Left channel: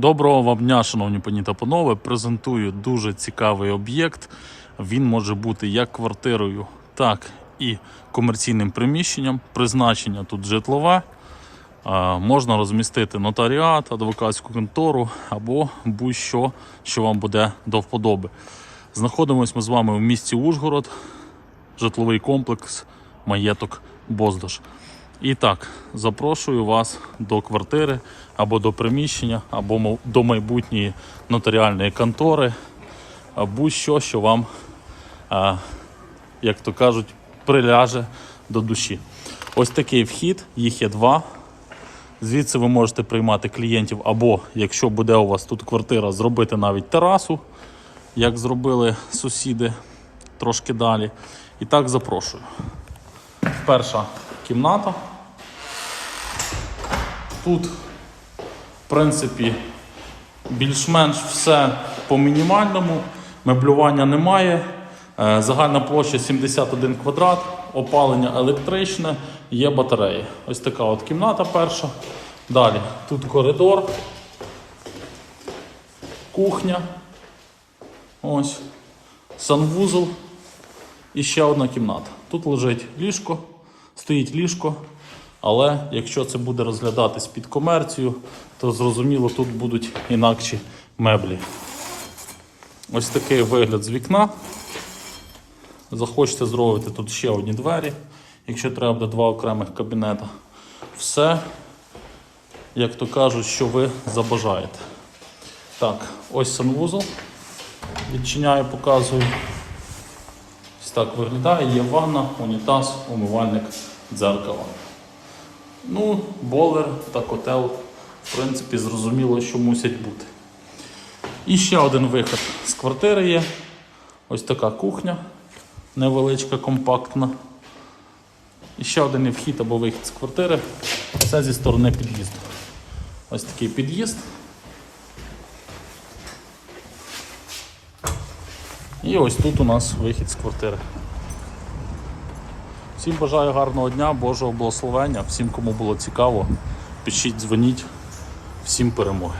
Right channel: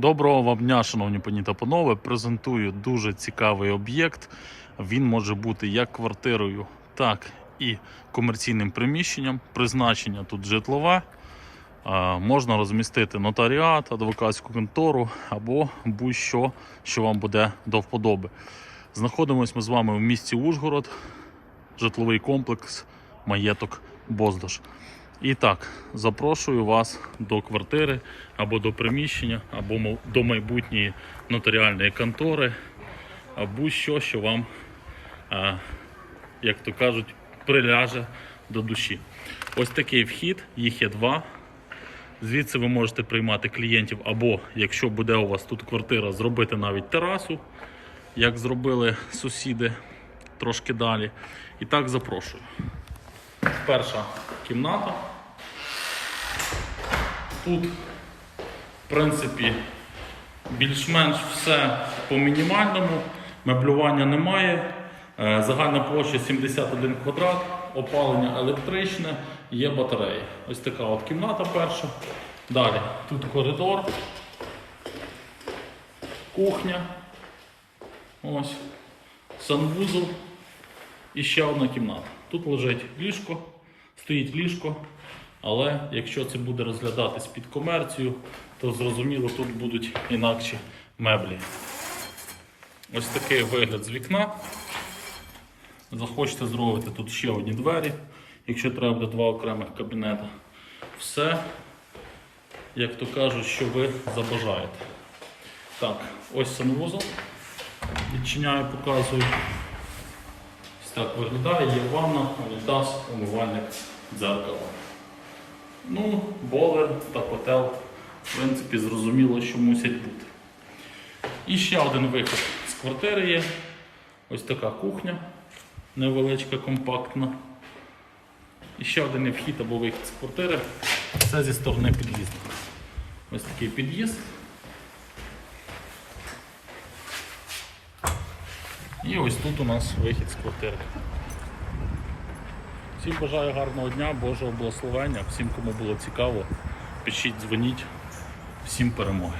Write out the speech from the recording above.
Доброго вам дня, шановні пані та панове. Презентую дуже цікавий об'єкт. Він може бути як квартирою, так і комерційним приміщенням. Призначення тут житлове. Можна розмістити нотаріат, адвокатську контору або будь-що, що вам буде до вподоби. Знаходимось ми з вами в місті Ужгород, житловий комплекс Маєток Боздаш. І так, запрошую вас до квартири або до приміщення, або до майбутньої нотаріальної контори, а будь-що, що вам, як то кажуть, приляже до душі. Ось такий вхід, їх є два. Звідси ви можете приймати клієнтів, або якщо буде у вас тут квартира, зробити навіть терасу, як зробили сусіди трошки далі. І так запрошую. Перша кімната. Тут, в принципі, більш-менш все по мінімальному. Меблювання немає. Е, Загальна площа 71 квадрат, опалення електричне, є батареї. Ось така от кімната перша. Далі тут коридор, кухня. Ось. Санвузол і ще одна кімната. Тут лежить ліжко, стоїть ліжко, але якщо це буде розглядатись під комерцію, то зрозуміло, тут будуть інакші меблі. Ось такий вигляд з вікна. Захочете зробити тут ще одні двері, якщо треба буде два окремих кабінета. Все, як то кажуть, що ви забажаєте. Так, ось санвузол. Відчиняю, показую. Ось так виглядає, є ванна, унітаз, умивальник, дзеркало. Ну, болер та котел, в принципі, зрозуміло, що мусять бути. І ще один вихід з квартири є. Ось така кухня, невеличка, компактна. І ще один вхід або вихід з квартири. Це зі сторони під'їзду. Ось такий під'їзд. І ось тут у нас вихід з квартири. Всім бажаю гарного дня, Божого благословення. Всім, кому було цікаво, пишіть, дзвоніть. Всім перемоги.